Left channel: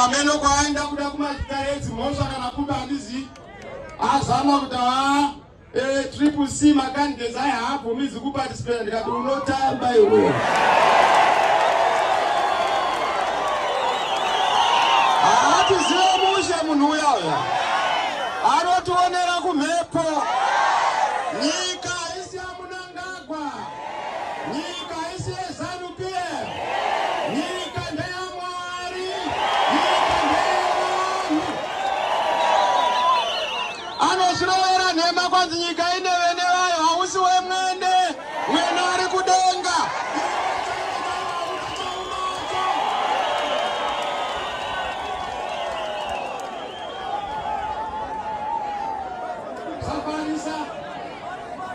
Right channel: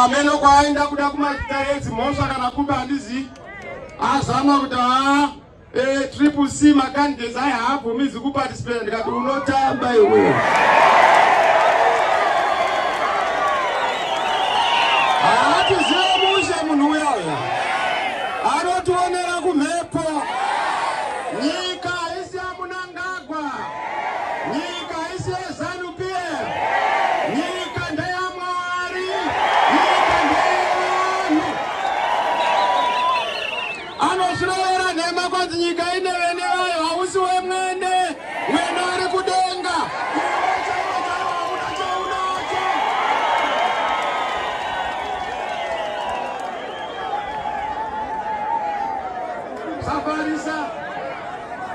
kameno kwaenda kuda kumatarezi mosha kana kumba handizi azama kuta triple C makandidates aya haabvumizi kuparticipate ndikati unotamba iwe. Haatiziva mushe munhu uyayo anotionera kumhepo. Nyika isi ya Manangagwa, nyika isi ya ZANU-PF, nyika ndeya Mwari, nyika ndeyanhu. Anoshurovera nhema kwanzi nyika ine vene vayo hausi wemwene, mwene ari kudenga.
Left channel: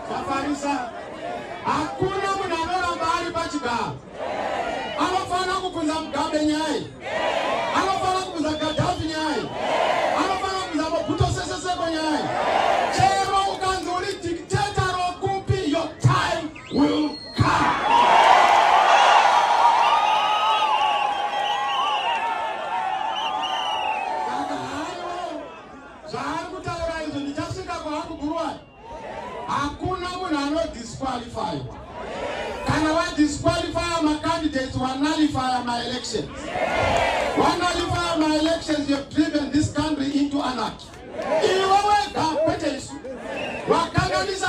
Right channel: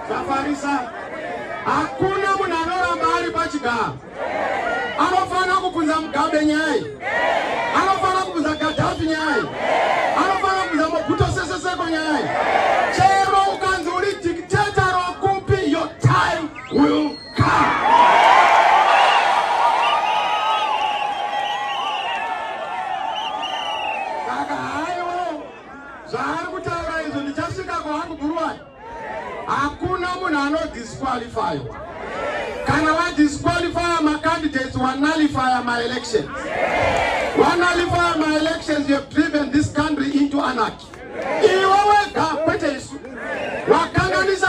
Wakufarisa, hakuna munhu anoramba ari pachigaro. Anofana kubvunza Mugabe nyai, anofana kubvunza Gaddafi nyai, anofana kubvunza Mobutu Sese Seko nyai. Chero ukanzi uri dictator rokupi, your time will come. Saka hayo zvaari kutaura izvo ndichasvika kwahangu Buruwani. Hakuna munhu anodisqualify. Kana vadisqualify macandidates nullify my elections. Nullify my elections, you have driven this country into anarchy. Iwe wega kwete isu. Wakanganisa